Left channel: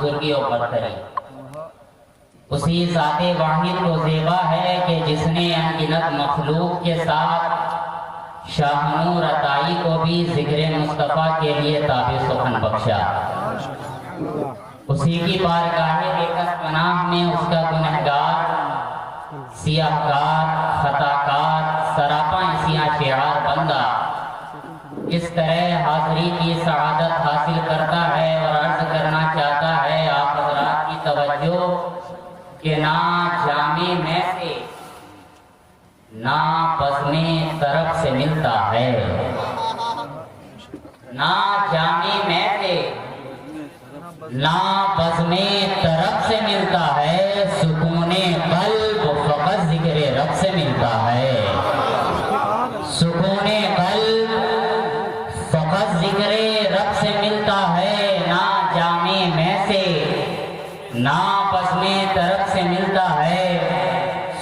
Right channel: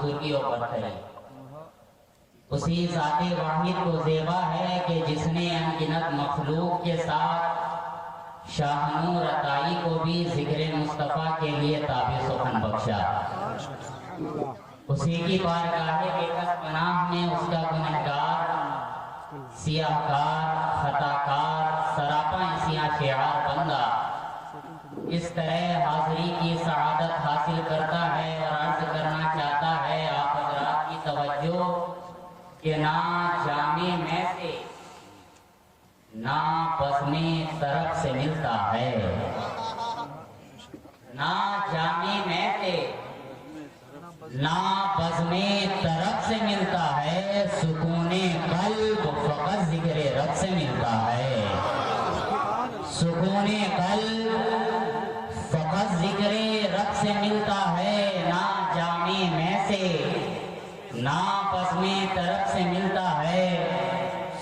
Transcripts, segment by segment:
بزرگی و برتری اسی ذات واحد کو زیبا ہے کہ جس نے انگنت مخلوق کے ساتھ شاہ نور عطائی کو بھی ذکر مصطفیٰ کے لیے تابع سخن بخشا۔ اسی کی بارگاہ بیکس پناہ میں اس کا گنہگار، سیاہ کار، خطا کار، سراپاں اسیاں شعار بندہ اس طرح حاضری کی سعادت حاصل کرتا ہے اور عرض کرنا چاہتا ہے آپ حضرات کی توجہ کہ نہ جامع میں سے نہ بزم طرف سے ملتا ہے، نہ جامع میں سے نہ بزم طرف سے ملتا ہے، سکون قلب فقط ذکر رب سے ملتا ہے، سکون قلب فقط ذکر رب سے ملتا ہے، نہ جامع میں سے نہ بزم طرف سے ملتا ہے،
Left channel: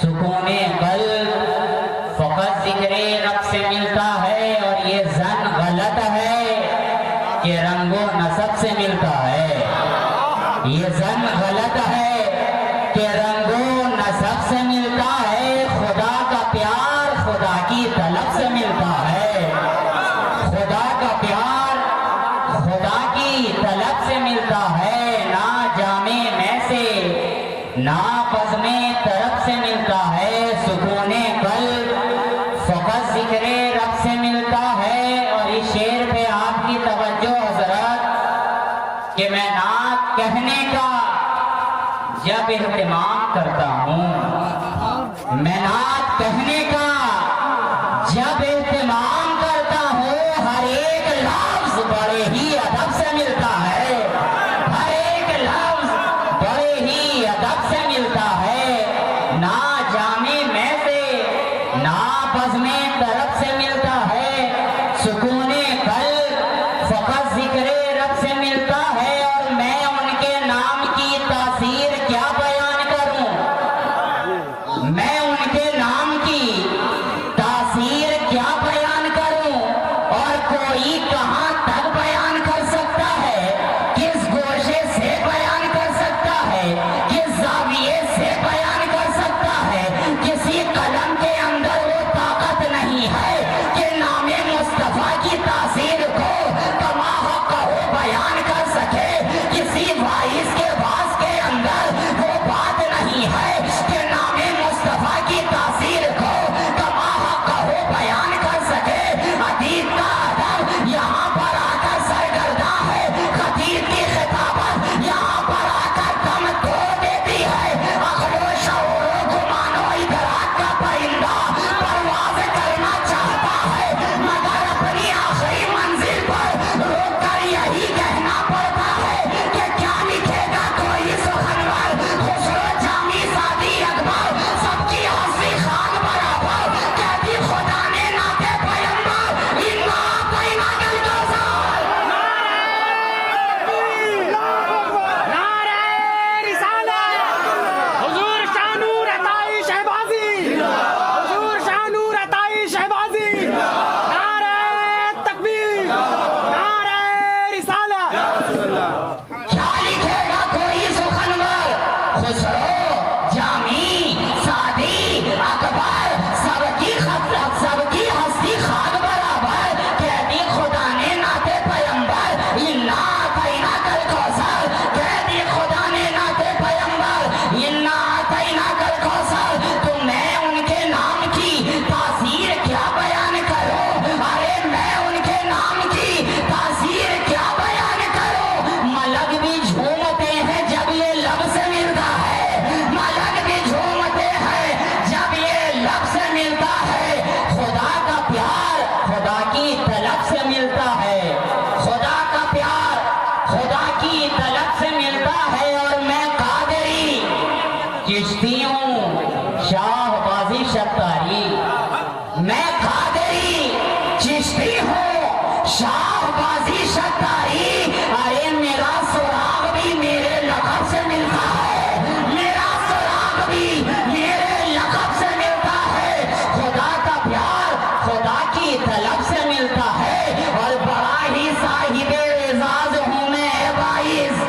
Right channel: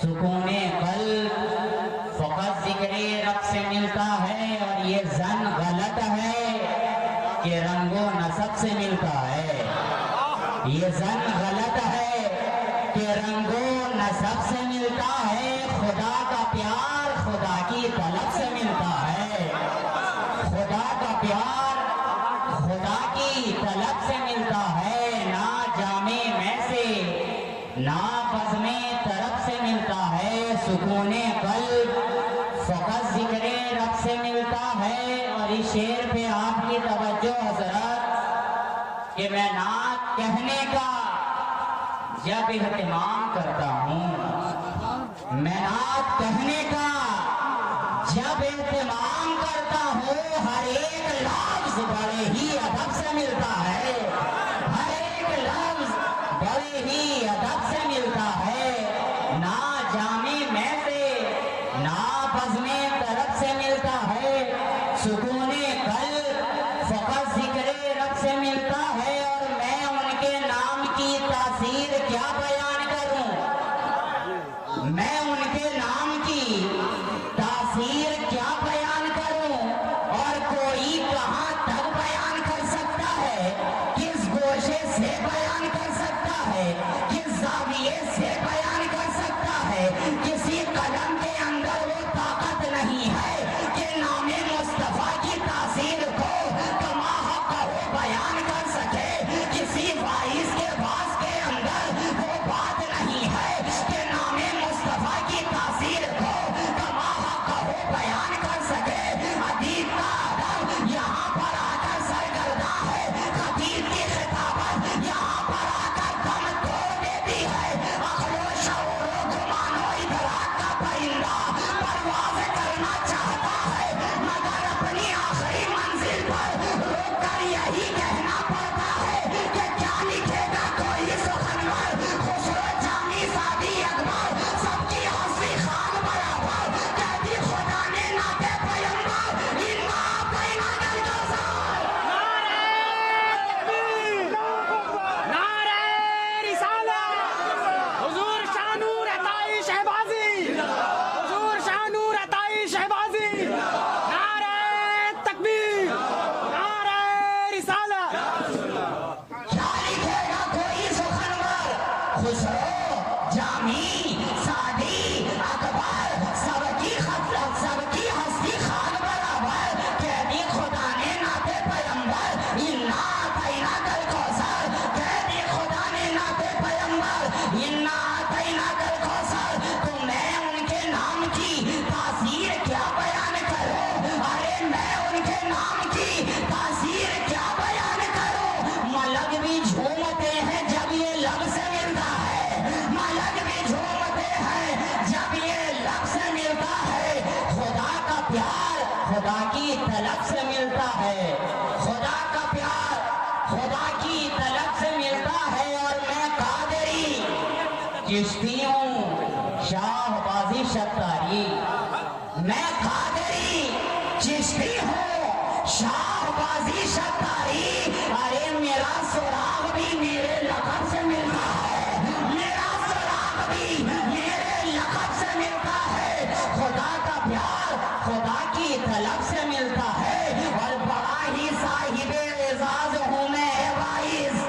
سکون قلب فقط ذکر رب سے ملتا ہے، اور یہ ظن غلط ہے کہ رنگ و نسب سے ملتا ہے، یہ ظن غلط ہے کہ رنگ و نسب سے ملتا ہے، خدا کا پیار خدا کی طلب سے ملتا ہے، خدا کا پیار خدا کی طلب سے ملتا ہے، نہ جامع میں سے نہ بزم طرف سے ملتا ہے، سکون قلب فقط ذکر رب سے ملتا ہے۔ اور اس شعر پہ آپ کی توجہ حضرت کہ میں نعت کہنے کا جب اہتمام کرتا ہوں، میں نعت کہنے کا جب اہتمام کرتا ہوں، ہر ایک لفظ بڑے ہی ادب سے ملتا ہے، ہر ایک لفظ بڑے ہی ادب سے ملتا ہے، نہ جامع میں سے نہ بزم طرف سے ملتا ہے، سکون قلب فقط ذکر رب سے ملتا ہے۔ اور میں ان کے نام کی تاثیر کیا بیان کروں، میں ان کے نام کی تاثیر کیا بیان کروں، اور کوئی کہاں تک بیان کر سکتا ہے، کس گوشے سے بیان کر سکتا ہے، کس زاویے سے بیان کر سکتا ہے، کسی قلم کے اندر وہ طاقت نہیں ہے کہ نام مصطفیٰ کی تاثیر کو کما حق ہو بیان کر سکے، کسی وائس کے باس کے اندر وہ بات نہیں ہے کہ نام مصطفیٰ کی تاثیر کو کما حق ہو بیان کر سکے۔ ادیب کا ادب یہاں پر آ کر سرگرداں ہے، خطیب کی خطابت یہاں پر آ کر دم توڑ دیتی ہے، عقل و شعور و گمان و ادراک کا پرندہ پرواز کرنا چاہتا ہے، مگر اپنی آخری منزل پر روک کر یہی کہنا پڑتا ہے کہ کیا لکھے گا کوئی سخنور، خسرو جامی سادی اکبر سب کی حسنی خان برابر، کہتی خدا نے نعت پیمبر انا اعطیناک الکوثر۔ نعرہ رسالت، حضور شاہ نور عطائی شہبازی، حضور شاہ نور عطائی شہبازی، نعرہ تکبیر، نعرہ رسالت۔ کیا لکھے گا کوئی سخنور، خسرو جامی سادی اکبر سب کی خطرت سب کی ہستی خاک برابر، کہتی خدا نے نعت پیمبر انا اعطیناک الکوثر، کہتی خدا نے نعت پیمبر انا اعطیناک الکوثر۔ تو میں ان کے نام کی تاثیر کیا بیان کروں، ارے میں ان کے نام کی تاثیر کیا بیان کروں، ملک بھی جھومتے ہیں جب یہ لب سے ملتا ہے، ملک بھی جھومتے ہیں جب یہ لب سے ملتا ہے، خدا کا پیار خدا کی طلب سے ملتا ہے، خدا کا پیار خدا کی طلب سے ملتا ہے۔ اور میں قادری چشتی ہوں شاہ بازی شتاری، میں قادری چشتی ہوں شاہ بازی شتاری، ارے میرا سراغ بھی میرے لقب سے ملتا ہے، میرا سراغ بھی میرے لقب سے ملتا ہے، خدا کا پیار خدا کی طلب سے ملتا ہے، اور بڑا ہی صاحب اعزاز ہوں میں باعث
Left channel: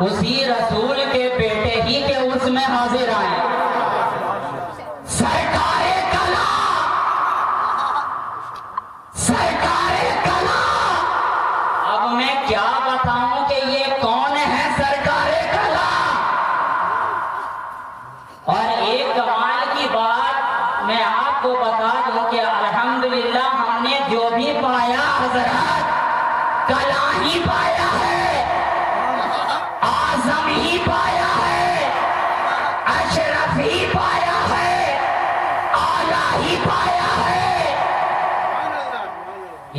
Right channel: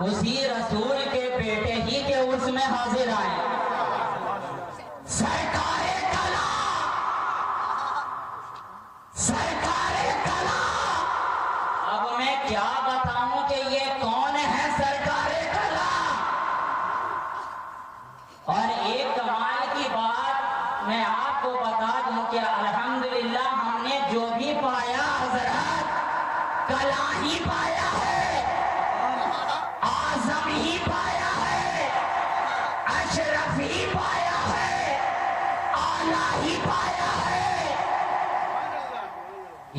اسی رسول کے بیٹے ہی کے اس میں حاضر آئے. سرکار کلا، سرکار کلا. اب میں کیا بتاؤں کہ یہ کون ہے سرکار کلا. اور ایک کمال کی بات میں آپ کو بتا دوں کہ الحمدللہ ہم نے جو بھی پایا حضرات کلا ہی پایا ہے، اعظم ہی پایا ہے، اشرف ہی پایا ہے، اعلیٰ ہی پایا ہے.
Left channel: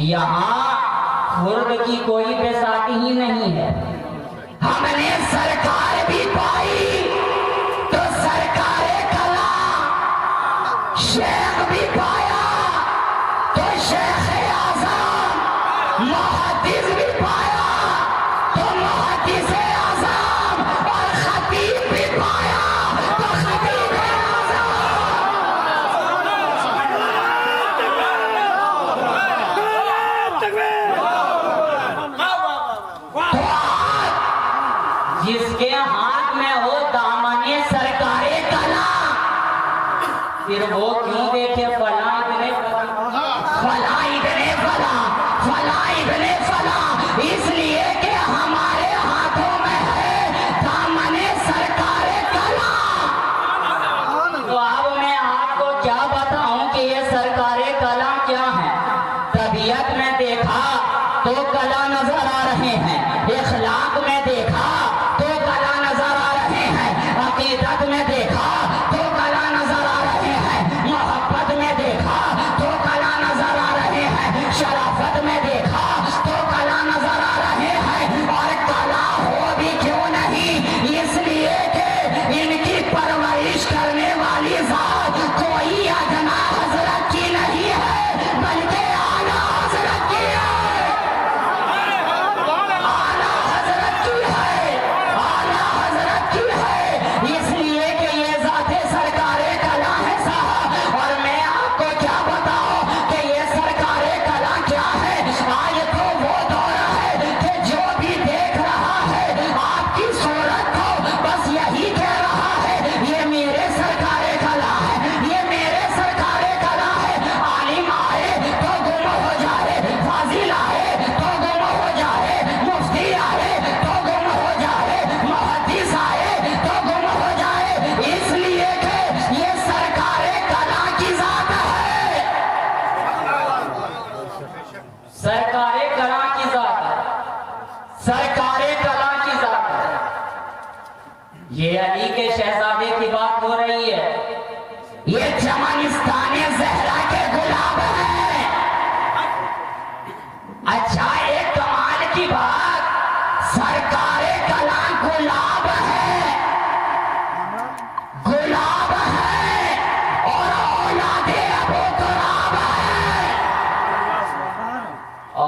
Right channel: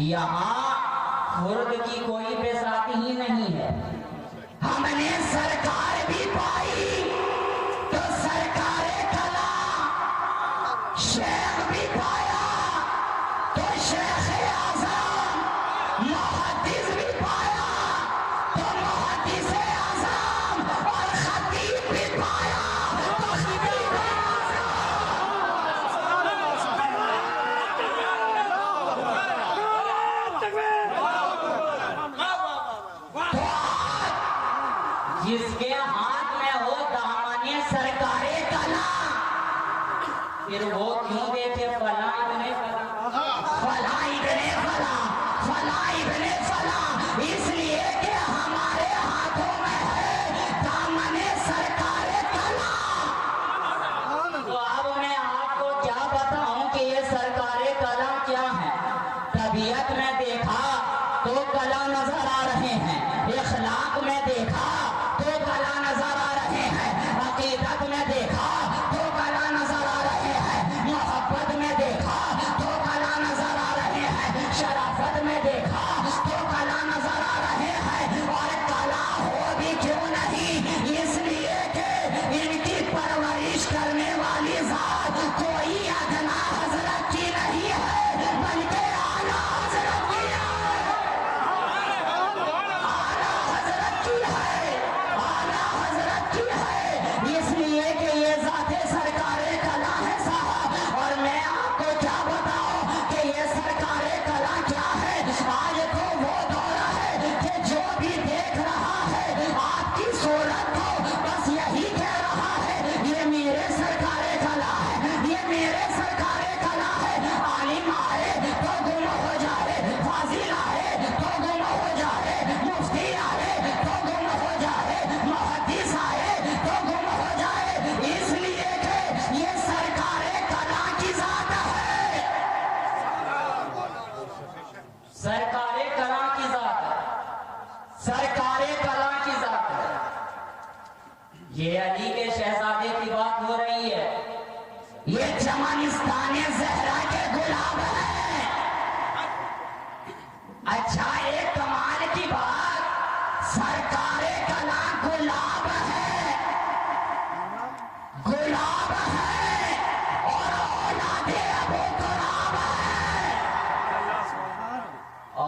یہاں خرد کی کوئی بیساکھی ہی نہیں ہے. ہم نے سرکار بھی پائی تو سرکار کلا. شیخ بھی پایا تو شیخ اعظم. محدث بھی پایا تو محدث اعظم. اور خطیب بھی پایا تو خطیب اعظم. جس کے ہاتھ میں ہو دامن سرکار کلا، پھر وہ کیوں دیکھے فلاں ابن فلاں ابن فلاں فلاں ابن فلاں. اس لیے کہ ہمارے ہاتھوں میں ہے دامن سرکار کلا. تو اب میں آپ کو کیا بتاؤں کہ یہ سرکار کلا کیا ہے. طبیعت میں دیکھا تو کلا نظر آ رہے ہیں، اخلاق میں دیکھا تو کلا نظر آ رہے ہیں، عقیدت میں دیکھا تو کلا نظر آ رہے ہیں، محبت میں دیکھا تو کلا نظر آ رہے ہیں، شرافت میں دیکھا تو کلا نظر آ رہے ہیں. اور کلا ہو بھی کیوں نہیں، اس لیے کہ ان کی پرورش کرنے والی ذات کوئی ادنا حضرت کی نہیں ہے بلکہ اعلیٰ حضرت کی ہے. اعلیٰ حضرت کی ہے، اعلیٰ حضرت کی ہے. اس لیے کہ یہ ذات سرکار کلا ہے صاحب. اور میں آپ کو کیا بتاؤں کہ یہ سرکار کلا کیا ہے. آج تو وہ دور ہے کہ جو بھی دیکھ رہا ہے آپ کی صورت کو بس یہی کہہ رہا ہے یہ میرے سرکار کلا ہے، یہ میرے سرکار کلا ہے. عالم آئے تو گم ہو جائے، فاضل آئے تو گم ہو جائے، مفتی آئے تو گم ہو جائے، محدث آئے تو گم ہو جائے. اس لیے کہ یہ سرکار کلا کی ذات ہے، سرکار کلا کی ذات ہے، سرکار کلا کی ذات ہے. یہ علی کے شہزادے کی بات ہو رہی ہے. یہ چمنستان زہرا کے گلاب ہیں. اچھا ایک کمال کی بات، سرکار کلا گلاب ہے، گلاب ہے اور اولاد ابو تراب ہے.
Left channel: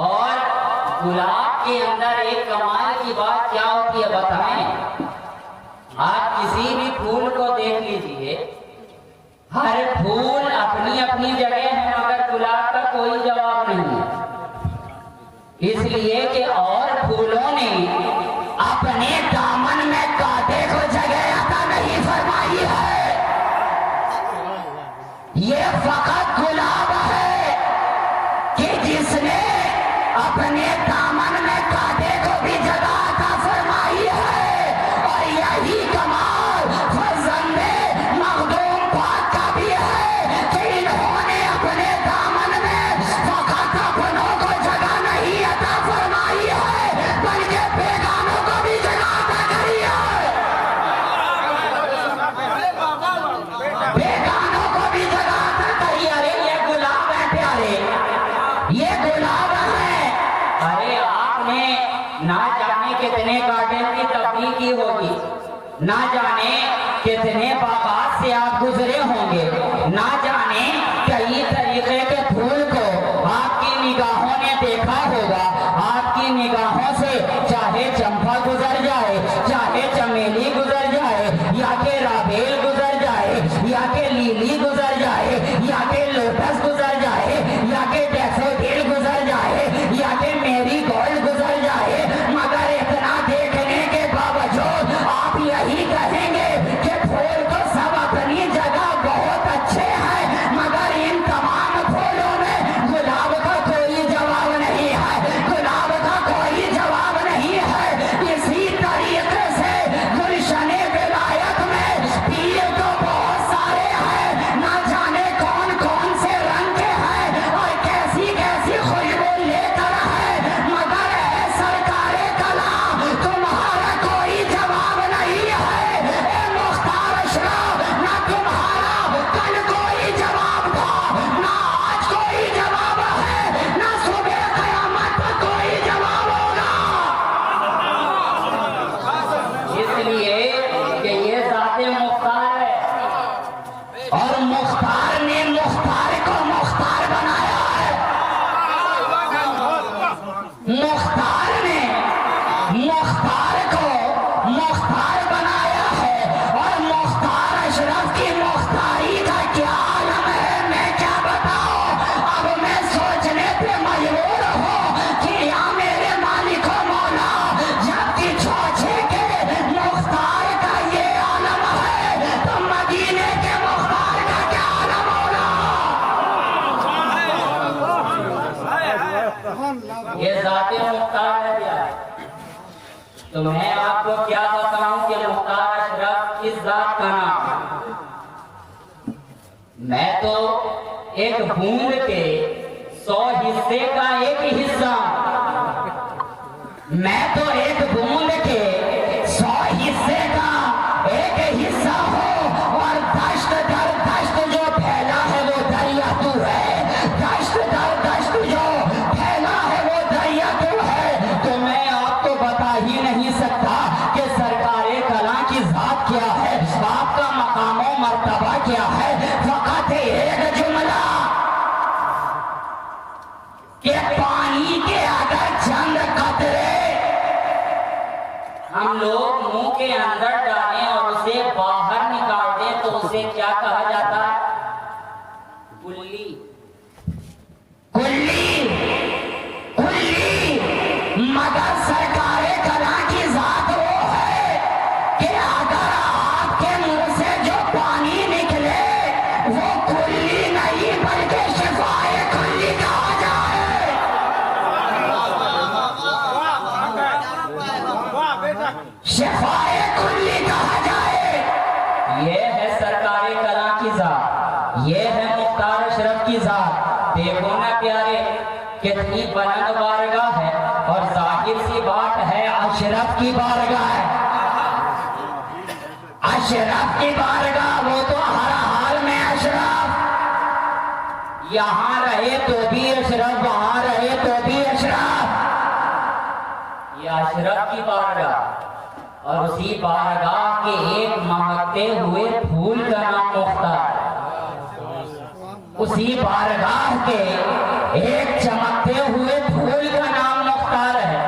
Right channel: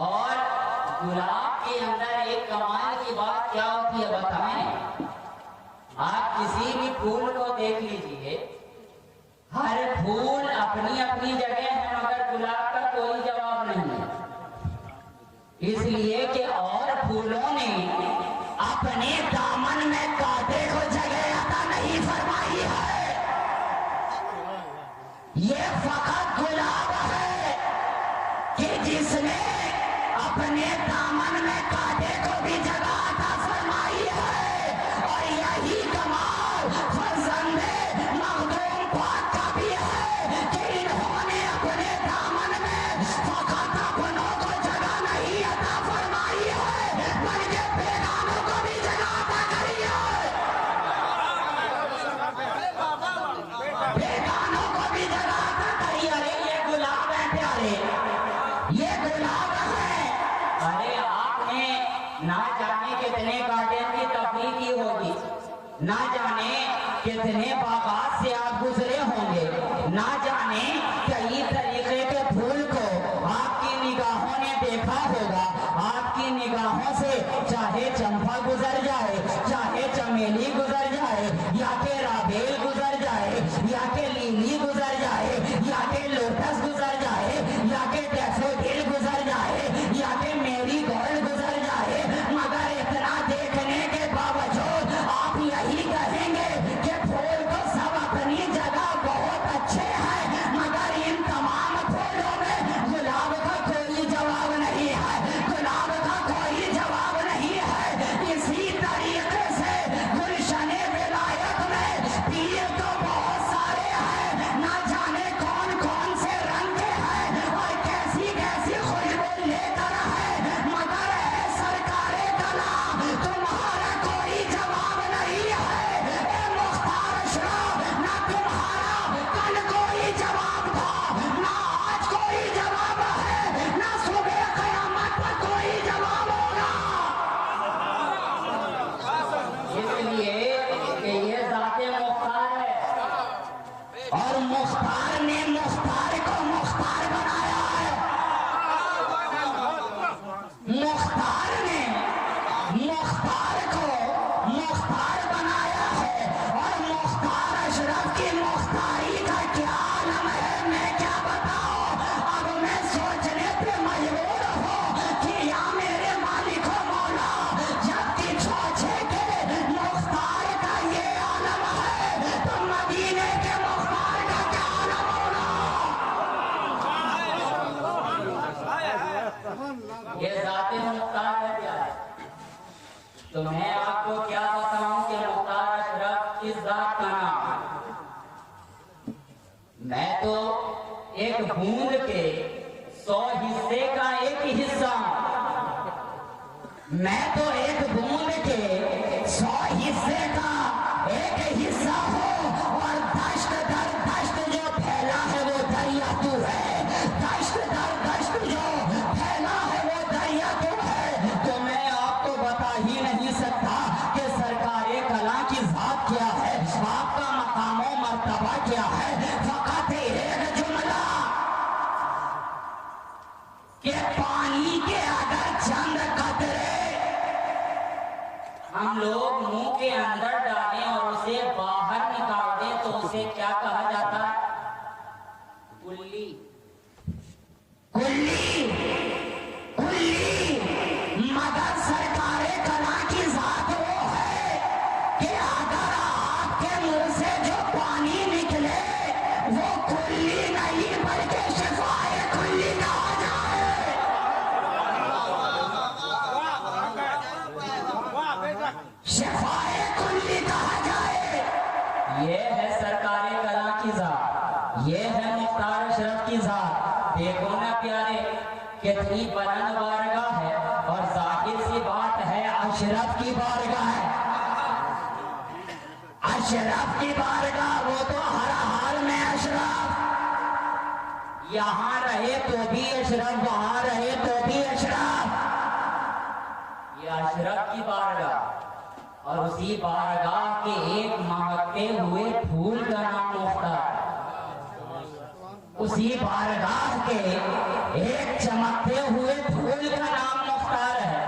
اور گلاب کے اندر ایک کمال کی بات کیا ہوتی ہے بتائیں. آپ کسی بھی پھول کو دیکھ لیجئے، ہر پھول اپنی اپنی جگہ ہے مگر گلاب کا کوئی جواب نہیں ہے. اس لیے کہ اور پھولوں نے اپنے دامن میں کانٹے کو جگہ عطا نہیں فرمائی ہے. یہ فقط گلاب ہے کہ جس نے اپنے دامن میں کانٹے کو بھی جگہ عطا فرمائی ہے. اور یہی کمال فرزند مخدوم پاک کا بھی ہے کہ انہوں نے اپنے دامن میں فقط اپنوں کو جگہ نہیں عطا فرمائی ہے بلکہ بیگانوں کو بھی جگہ عطا کری ہے. بیگانوں کو بھی جگہ عطا کری. ارے یہ گلاب ہے پیارے، یہ گلاب ہے. ارے آپ نے نہ جانے کتنے گارڈن کی تفریح کی ہوگی، نہ جانے کتنے باغات سے آپ گزرے ہوں گے، نہ جانے کئی طریقے کے پھول کو آپ کی نگاہوں نے دیکھا ہوگا. آپ کی نگاہوں سے چاہے چمپا گزر جائے، چاہے چمیلی گزر جائے، یا کہ رابیل گزر جائے، یا کہ لیلی گزر جائے، یا کہ لوٹس گزر جائے، یا کہ ڈیفوڈیل گزر جائے، یا کہ میری گولڈ گزر جائے، مگر اتنا دیکھنے کے باوجود यही कहेंगे कि फूल तो सब अपनी जगह बहुत अच्छे हैं, मगर इन तमाम फूलों में गुलाब का कोई जवाब नहीं है, गुलाब का कोई जवाब नहीं है। इसी तरीके से गुलशने विलायत में पीर तो बहुत सारे हैं, ना जाने कौन कौन से रंग के हैं और कैसी कैसी खुशबू लेकर है, मगर है सरकारे कलाम तुम्हारा कोई जवाब नहीं है। ए मुख्तार अशरफ, ना तुम्हारा कल कोई जवाब था, ना आज कोई जवाब है, ना सुबह कयामत पर कोई जवाब होगा। इसलिए कि ये ज़ाते मुख्तार है और मुख्तार ने मुख्तार को मुख्तार बनाया है, मुख्तार ने मुख्तार को मुख्तार बनाया है। और मुख्तार अशरफ की मुख्तारी का क्या आलम है, मैं क्या बताऊं। अब मैं सोचने पे मजबूर हूँ कि या मेरे मालिक हो मौला, जबकि छोछे के मुख्तार का ये आलम है, तो मदीने के मुख्तार का क्या आलम होगा। ये ज़ाते मुख्तार है प्यारे। तो मैं आपको क्या बताऊं कि मुख्तार अशरफ किस ज़ात का नाम है। मैं तो एक बूंद के 100 हिस्से का एक हिस्सा हूं। मैं तो एक बूंद के 100 हिस्से का एक हिस्सा हूँ, और दश्त दर दश्त जो फैला है वो दरिया तू है, दश्त दर दश्त जो फैला है वो दरिया तू है। तो मैं आपको बता ही नहीं सकता कि सरकारे कला की जात क्या है, आपका मकाम और मर्तबा क्या है। फकत एक जुमला कि पानी के अगर चंद कतरे हम लोग मुंह के अंदर डालें और उसे बाहर निकाल दें तो उसे क्या कहा जाता है? कुल्ली। कुल्ली कुल्ली, मगर सरकारे कला की जात वो है कि अगर आपके मुंह से जो पानी निकले वो कुल्ली नहीं बल्कि शिफाए कुल्ली कहा जाए। शिफाए कुल्ली कहा जाए। ये है सरकारे कला की जात, ये है मुख्तार अशरफ की जात। देखो ना प्यारे, कितनी बुलंद बारगाह है और जाहिर सी बात है अशरफ की बारगाह है, अशरफ की बारगाह, वो तो हर हाल में अशरफ, यहाँ रहे तो भी अशरफ, वहाँ रहे तो भी अशरफ। ये अशरफ की बारगाह और उसी बारगाह के एक महकते हुए फूल का नाम मुख्तार, उसी बारगाह के एक चमकते हुए फूल का नाम मुख्तार है।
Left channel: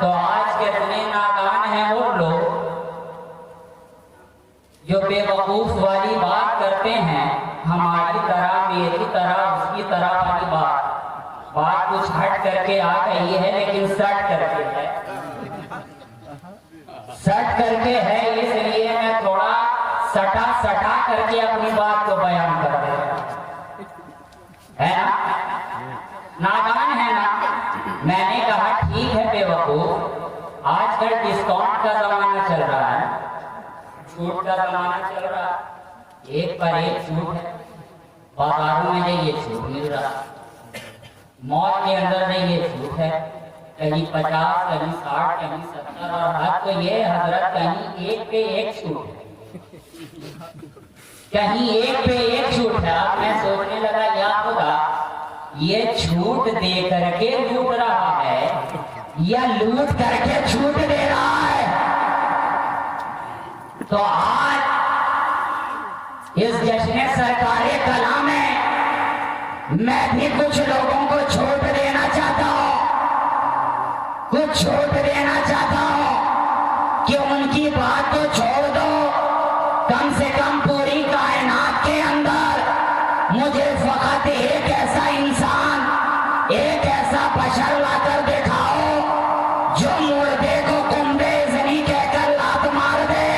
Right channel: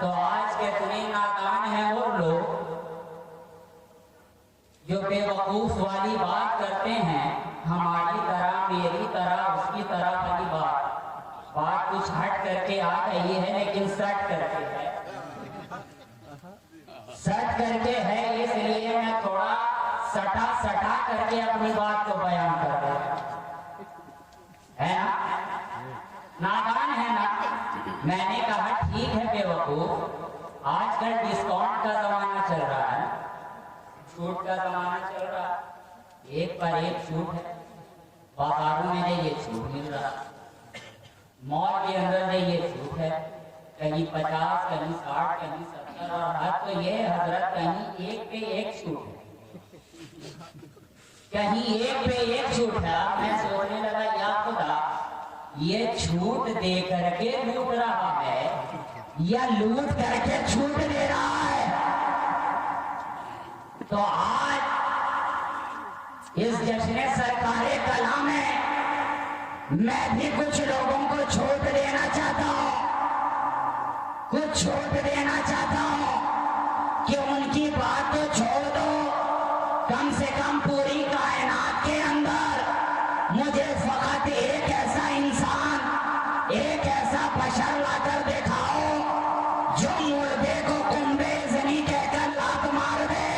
तो आज कितने नादान हैं वो लोग जो बेवकूफ वाली बात करते हैं, हमारी तरह, मेरी तरह, उसकी तरह वाली बात कुछ हट करके आ गई है, लेकिन सट करके है, सट करके है। इसलिए मैं थोड़ा सटा सटा करके अपनी बात को बयान कर रहा हूं, है ना? नादान है ना? मैंने कहा ठीक है बेवकूफ, आजकल डिस्काउंट का जमाना चल रहा है, छूट का जमाना चल रहा है, एक पर एक छूट है, बाजारों में ये छूट मिल रहा, मॉल के अंदर ये छूट है, कहीं 50, कहीं 60, कहीं 70, और हद तो ये हजरत कहीं एक पे एक छूट है, कहीं एक पे एक छूट है। अब मैं सोचने लगा या खुदा, ये छूट दे करके लूट रहा है या लूट करके छूट दे रहा है। तो आज इस जश्न सरकारे कला में मैं भी कुछ लोगों को छूट देना चाहता हूँ, कुछ छूट देना चाहता हूँ कि उनकी बात को छोड़ दो, कम से कम पूरी कायनात के अंदर मुझे फकत एक ऐसा इंसान, एक ऐसा बशर लाकर दिखाओ जो मुर्दे को कुंबे इज़नी कहकर लात मार दे।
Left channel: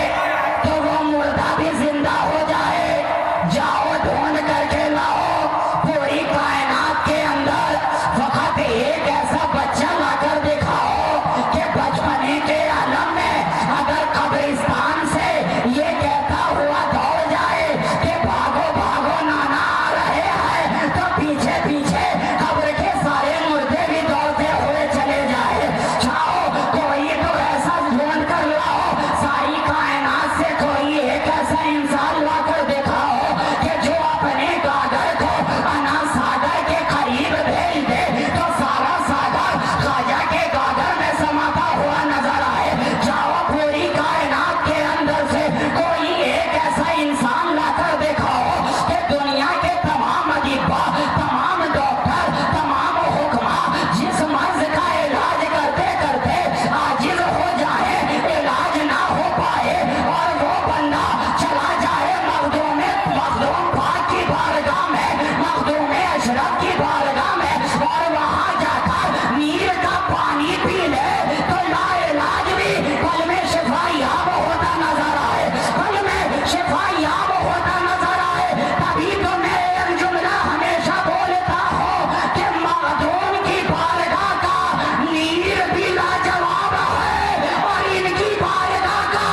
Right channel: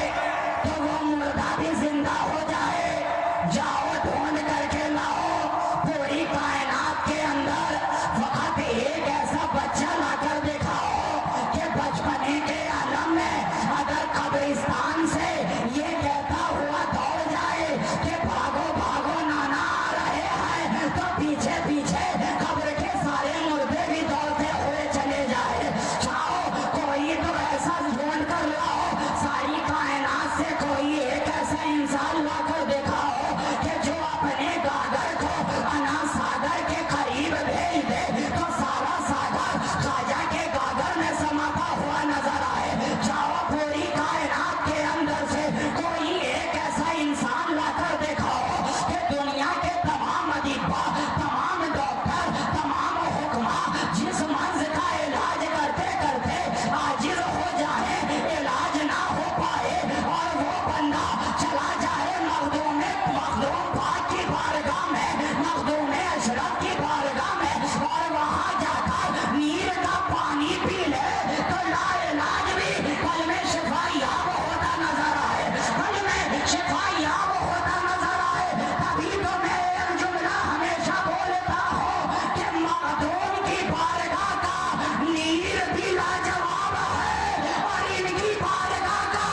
कायनात के अंदर से कोई एक ऐसा इंसान लाकर दिखाओ कि दुनिया के तमाम अदीबा, तमाम डॉक्टर, तमाम हुक्मा जिस मर्ज का इलाज करते करते आजिज हो जाए, इलाज ना हो पाए और वो बंदा चला जाए मखदूम पाक की बारगाह में, मखदूम अशरफ की बारगाह में, और वहां जाकर नीर का पानी पी ले तो लाइलाज भी पल में शिफा याब होता नजर आए, पल में शिफा याब होता नजर आए। तभी तो मैं एक जुमला हमेशा बोलता हूँ कि मखदूम की बारगाह का नीर भी लाजवाब है और इनकी बारगाह का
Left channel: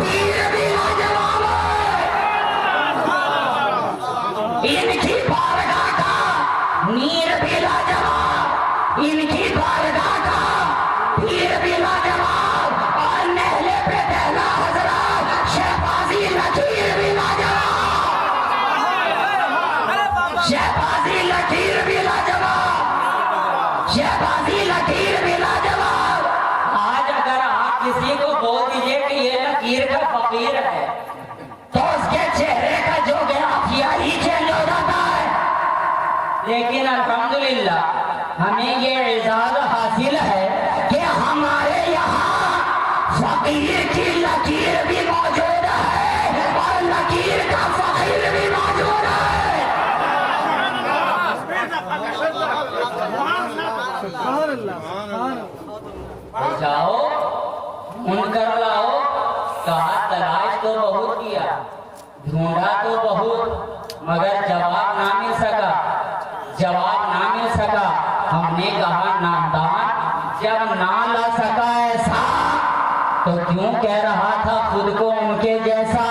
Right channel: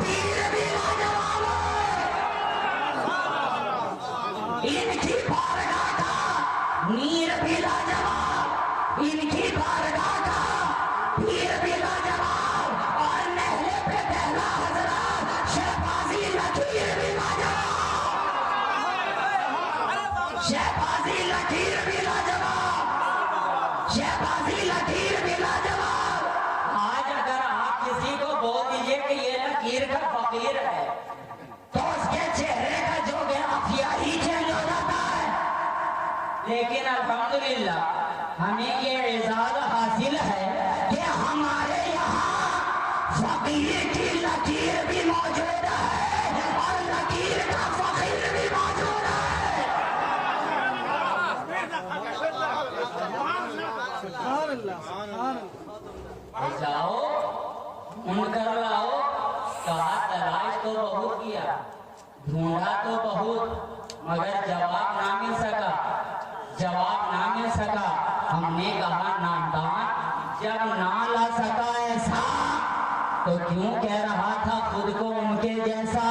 पीर भी लाजवाब है। इनकी बारगाह का नीर भी लाजवाब, इनकी बारगाह का पीर भी लाजवाब, और नहले पे पहला हजरत शहबाजी लकीर भी लाजवाब, शहबाजी लकीर भी लाजवाब, शहबाजी लकीर भी लाजवाब। आज अगर आप किसी को बोल दीजिए कि ये लकीर का फकीर है, तो उसके चेहरे का जो ग्राफिया ही चेंज हो जाता है। लेकिन अल्हम्दुलिल्लाह हमें ये इजाज़ हासिल है कि हमारे यहाँ फकीर की लकीर भी मौजूद है और लकीर का फकीर भी मौजूद है। जाओ उनकर लाओ, कहा तलाश तो बहुत किया, ढूंढा तो बहुत, मगर जवाब ना मिल सका, जवाब ना मिल सका। हमने कहा नादान जब ना ला सका ऐसा तो क्यों कह रहा था खुद को उनके जैसा,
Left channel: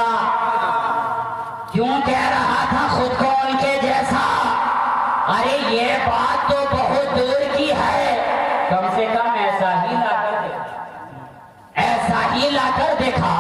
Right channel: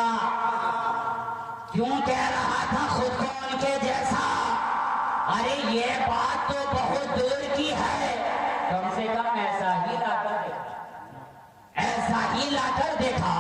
क्यों कह रहा था खुद को उनके जैसा? अरे ये बात तो बहुत दूर की है, कम से कम ऐसा ही लाकर दे। ऐसा ही लाकर देखा,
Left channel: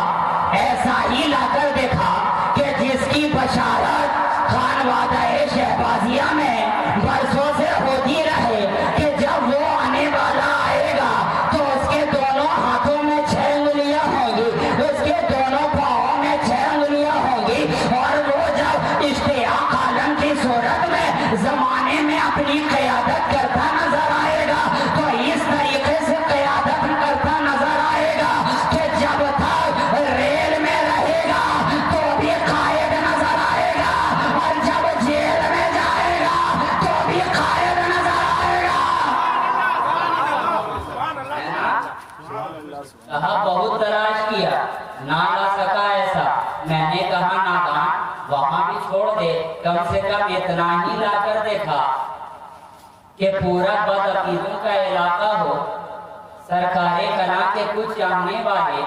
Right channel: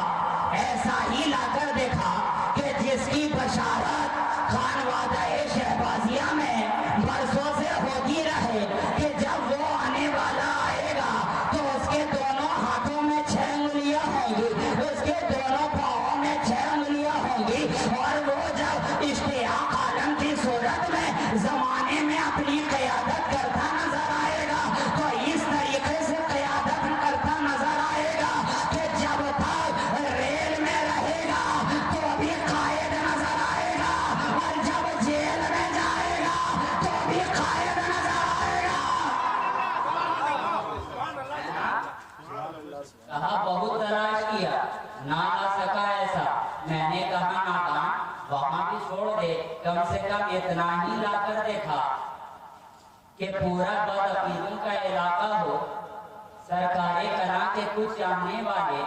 ऐसा ही लाकर देखा कि जिसकी बशारत खानवादा-ए शहबाजिया में बरसों से होती रहे कि जब वो आने वाला आएगा तो उसके दोनों हाथों में 6 उंगलियां होंगी, उसके दोनों पाँवों में 6 उंगलियां होंगी, और वो जब इश्तियाक आलम की सूरत में जमाने में अपनी क़यादत करता नजर आएगा तो इस तरीके से क़यादत करता नजर आएगा कि जब तक रेल में रहेगा तो भी कायद नजर आएगा, और जब जेल में जाएगा तो भी कायद नजर आएगा। कहा बहुत तलाश किया, ना ला सका ऐसा। मैंने कहा नादान वहां भी छोड़ दे, कम से कम इतना ही लाकर देखा कि पूरा बदअकीदों का इलाका हो। सरकारे कला के कुछ चाहने वाले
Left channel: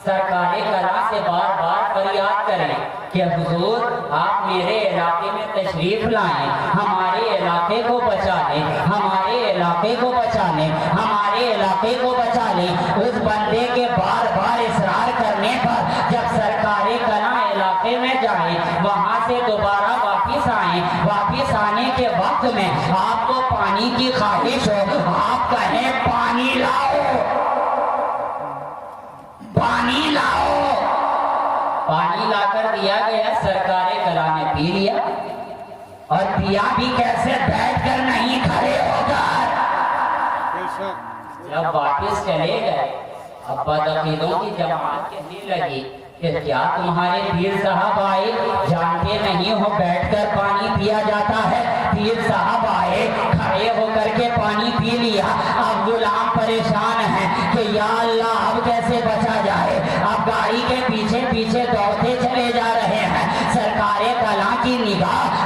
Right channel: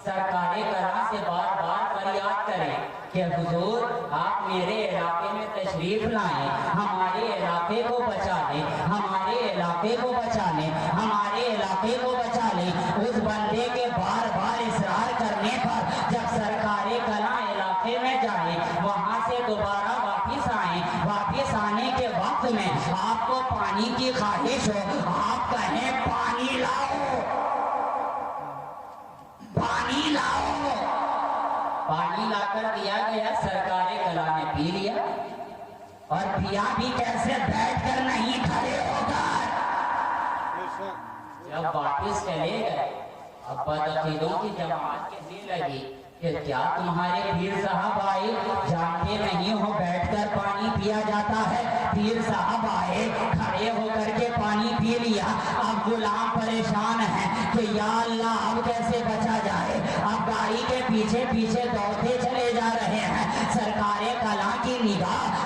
सरकारे कला से बार बार फरियाद करें कि हुजूर आप मेरे इलाके में तशरीफ लाएं, हमारे इलाके को बचा लें, हमारे इलाके को बचा लें, हमारे इलाके को बचा लें। उस बंदे के बार बार इसरार करने पर जब सरकारे कला इलाके में जाए, वहां से दोबारा वापिस आए, वापिस आने के वक्त में आपको पानी की ख्वाहिश हो, आप कहें पानी लाओ, पानी लाओ। पानी लाकर दिया गया, सरकारे कला ने पी लिया, और पिया भी कैसे, बैठकर नहीं खड़े होकर। जब वापिस चले गए, अब बदअकीदों की जमात कहने लगी कि क्या तुम्हारे पीर साहब आए, जानते नहीं हो बैठकर पानी पिया जाता है। पीर साहब आए, खड़े होकर के पानी पी लिया। अब गुलाम परेशान है कि या अल्लाह अब कैसे बचा जाए। अब गाड़ी के पीछे पीछे दौड़ते चले जा रहे हैं। सरकारे कला की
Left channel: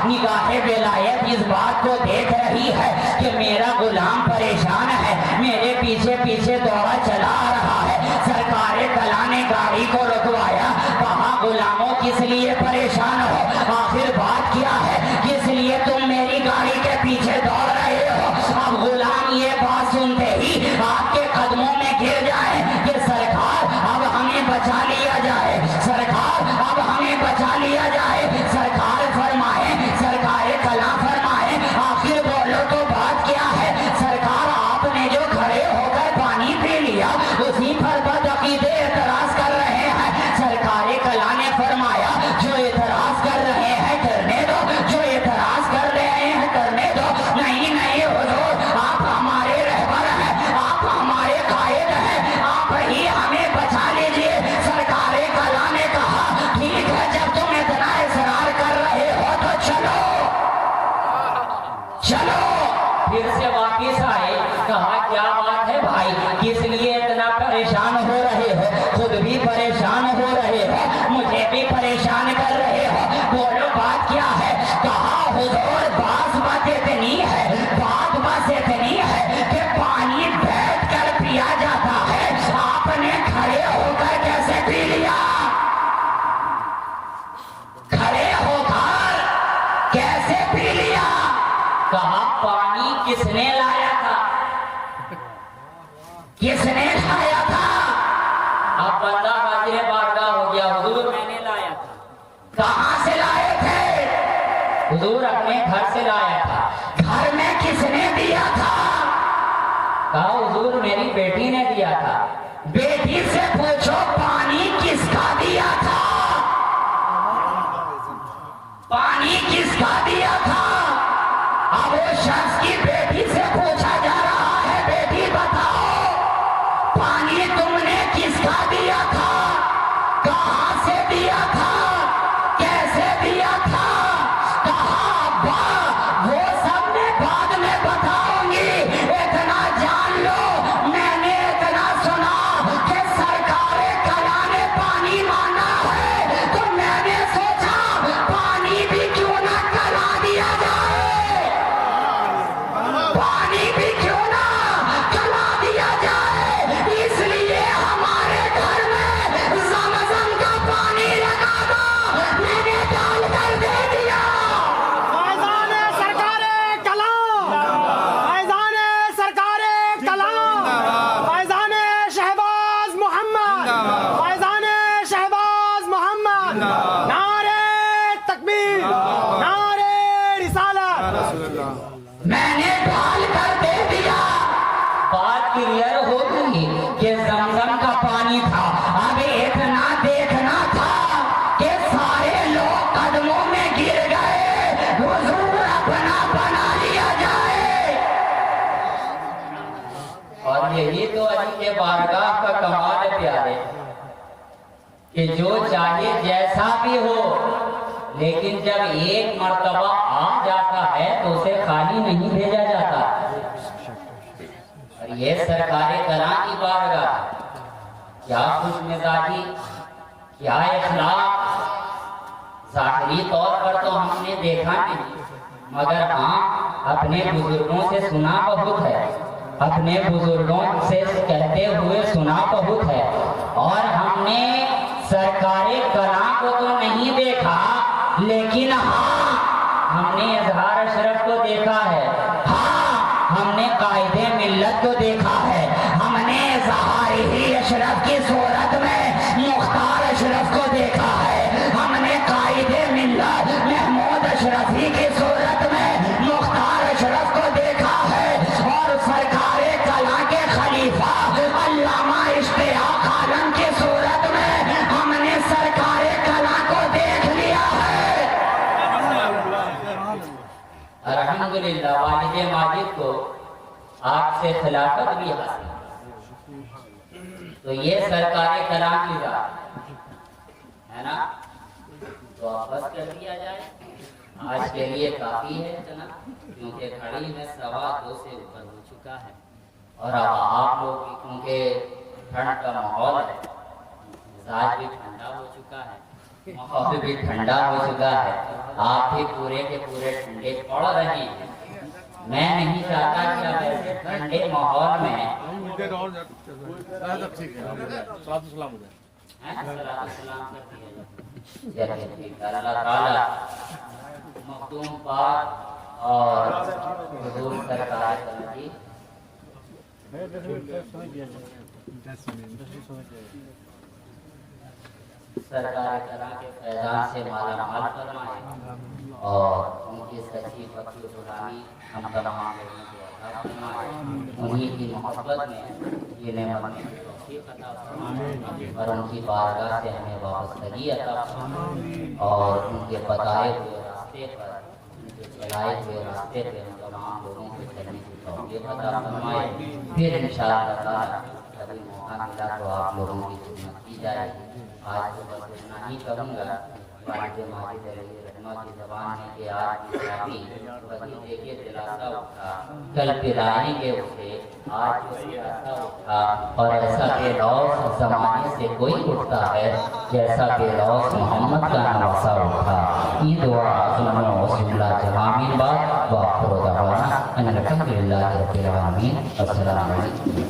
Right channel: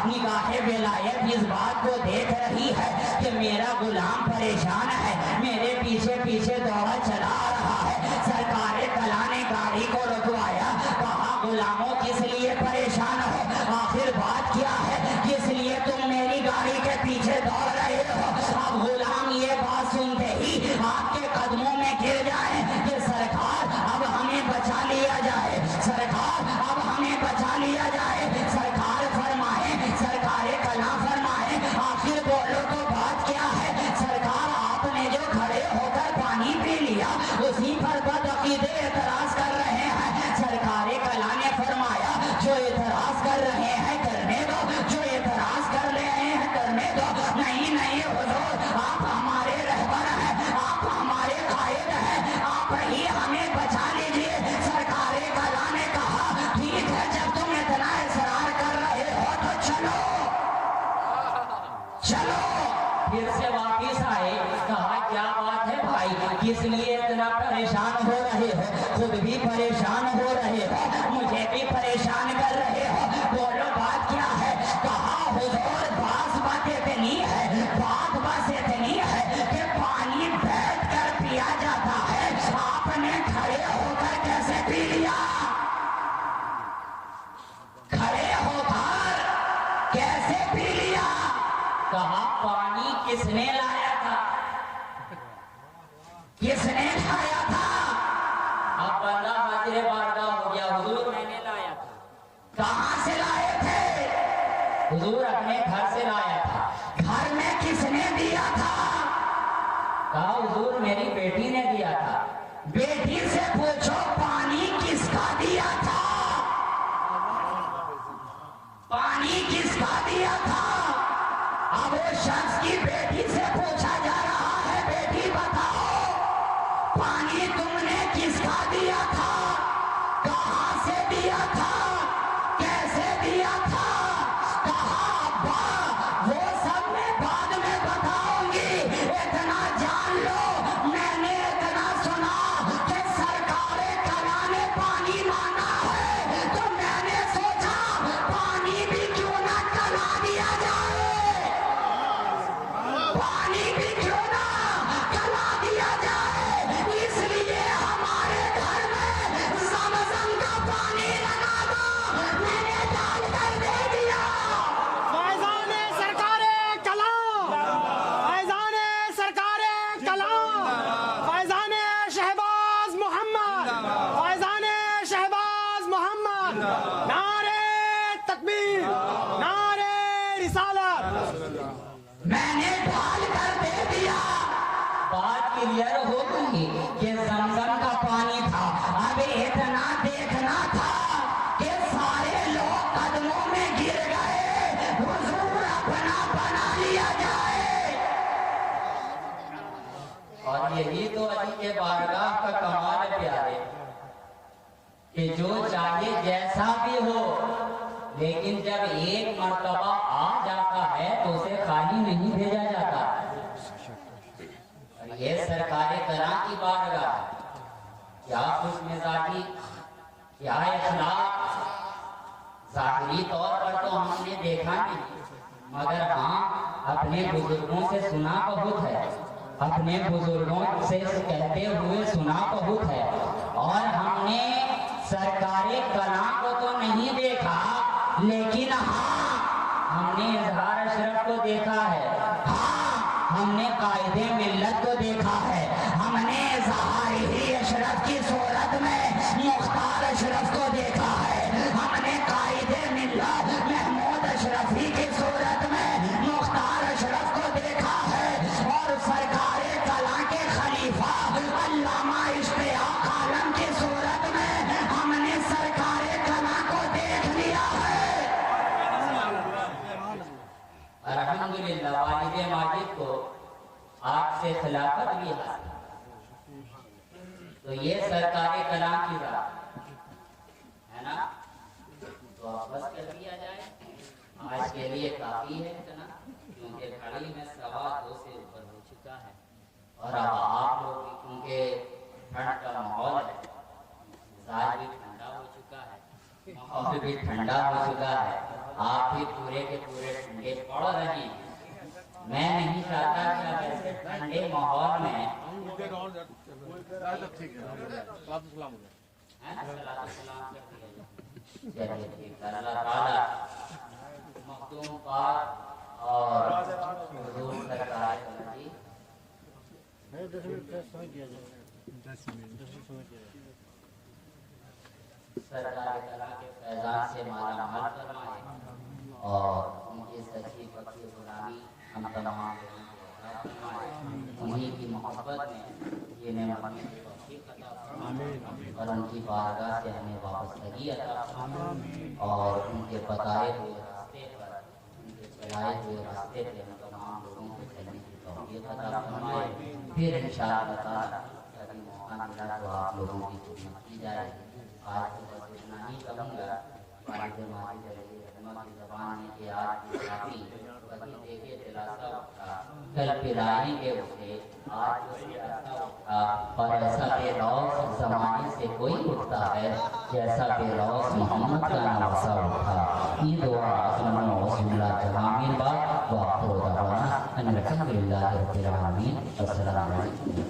निगाहे विलायत इस बात को देख रही है कि मेरा गुलाम परेशान है, मेरे पीछे पीछे दौड़ा चला आ रहा है। सरकारे कला ने गाड़ी को रुकवाया, कहा गुलामों किस लिए परेशान हो, आखिर बात क्या है, किस लिए तुम मेरी गाड़ी के पीछे दौड़ रहे हो। अब गुलाम ये बात सुनते ही आपके कदमों में गिर जाए कि सरकार अब हमें बचा लिया जाए, सरकार अब हमें बचा लिया जाए। सरकार फरमाए, सरकारे कला फरमाए, आखिर बोलो तो बात क्या है। सरकार आपने जो खड़े होकर पानी पी लिया उसी पर बदअकीदे एतराज कर रहे हैं। परेशान हो रहे हो, मुझे भी परेशान कर रहे हो। बोलो बात क्या है? कहा हुजूर बात इतनी है, बात इतनी है कि पानी बैठ कर पिया जाता है, आपने खड़े होकर कैसे पी लिया? खड़े होकर कैसे पी लिया? कहा पानी किसने लाया था? किसने खाया था? अब बंदा हाजिर बारगाह हो गया, हुजूर मैंने लाया था। कहाँ से लाए थे? हुजूर अपने घर से लाया था। घर में किसने दिया था? कहा हुजूर मेरी बेटी ने दिया था। बेटी से पूछो पानी किसका दिया था? पानी किसका दिया था? अब वो शख्स की बेटी से पूछा जा रहा है, बेटी बताओ पानी तुमने किसका दिया था? कहाँ से दिया था? कैसे दिया था? कहा अब्बा वो सब मैं बाद में बताऊंगी, इतना जान लो मैंने इतना सुना कि सरकारे कला ने पानी मांगा है, तो मैंने सोचा पानी भी क्यों ना कला दिया जाए, पानी भी क्यों ना कला दिया जाए। इसलिए हमारे घर में ज़मज़म का पानी लगा दो, मैंने डाल कर दे दिया। फैजान सरकारे कलाम, फैजान सरकारे कलाम, फैजान शहबाज मोहम्मद, फैजान शहबाज मोहम्मद। नारे तकबीर, नारे रिसालत। मैंने डाल कर दे दिया। बात क्लियर हो गई कि ज़मज़म का पानी था। अभी इतना देखना था कि सारे लोग कदमों में गिर गए, हुजूर अपना बना लिया जाए। और यही तो अली के बारगाह का कमाल है प्यारे, कि जो चाहे जैसा भी हो, लेकिन जब एक मर्तबा आ जाता है तो उसे खाली नहीं भेजा जाता। और ये सरकारे कला की बारगाह, क्या खुश मिजाजी, क्या इखलाक, ज़ाहिरी तौर पर तो हमने देखा नहीं, मगर हाँ अपने बुजुर्गों से सुना बहुत है, अपने बुजुर्गों से कहते हुए सुना बहुत है। और हमने सरकारे कला को तो नहीं देखा, लेकिन हाँ हमने इजहार अशरफ को देखा है, हाँ हमने कायदे मिल्लत को देखा है, हमने इजहार ही अशरफ की सूरत में मुख्तार अशरफ को देखा है, हमने कायदे मिल्लत महमूद अशरफी की सूरत में मुख्तार अशरफ को देखा है, और सरकारे कला के खलीफा अल्लामा इश्तियाक आलम की सूरत में हमने सरकारे कला को देख लिया है। अल्हम्दुलिल्लाह वालिद माजिद को आपसे खिलाफत भी हासिल, तो ये सरकारी कलाम की बात है ना, तो आप बस कर दिया जाए। आज के लिए काफी है इतना, क्योंकि घड़ी में 2:15 से ऊपर हो चुका है, और अब आप लोग भी क्योंकि ठंड का माहौल है, मिजाज भी ठंडा हो चुका है, माहौल भी ठंडा हो चुका है, आप भी पूरे के पूरे ठंडे पड़ रहे हैं। मैं नहीं चाहता कि अब ऐसे ठंडे माहौल में अल्लाह ताला मखदूम पाक और हुजूर सरकार की सरकार कला के फैजान से माला माल फरमाए, और उनकी सच्ची पक्की गुलामी हम तमाम लोगों को अता फरमाए, उन्हीं की मोहब्बत में ये नेमत में तौफीक अता फरमाए, और उनकी बारगाह से हमें वाबस्तगी अता फरमाए, और उनके बताए हुए रास्ते पर, उनके चलाए हुए रास्ते पे हम तमाम लोगों को चलने की तौफीक अता फरमाए। फिर इंशाअल्लाह ताला कभी मौका मिला तो आप लोगों की खिदमत की जाएगी। आज तो बस इतना ही कहूँगा। वालिद माजिद अली रहमा की ज़बान है कि आज की शादी वही देखे दिलासा उठा, कल पिलाएंगे उसे آج ایسا اٹھا اور ایسا بے لوث زمانے سے کوئی اٹھتا ہے جیسا بے لوث محمد کا نواسا اٹھا. یہ دعا ظلم و وسیلہ جہامین بات وآخر دعوانا ان الحمدللہ رب العالمین. السلام علیکم.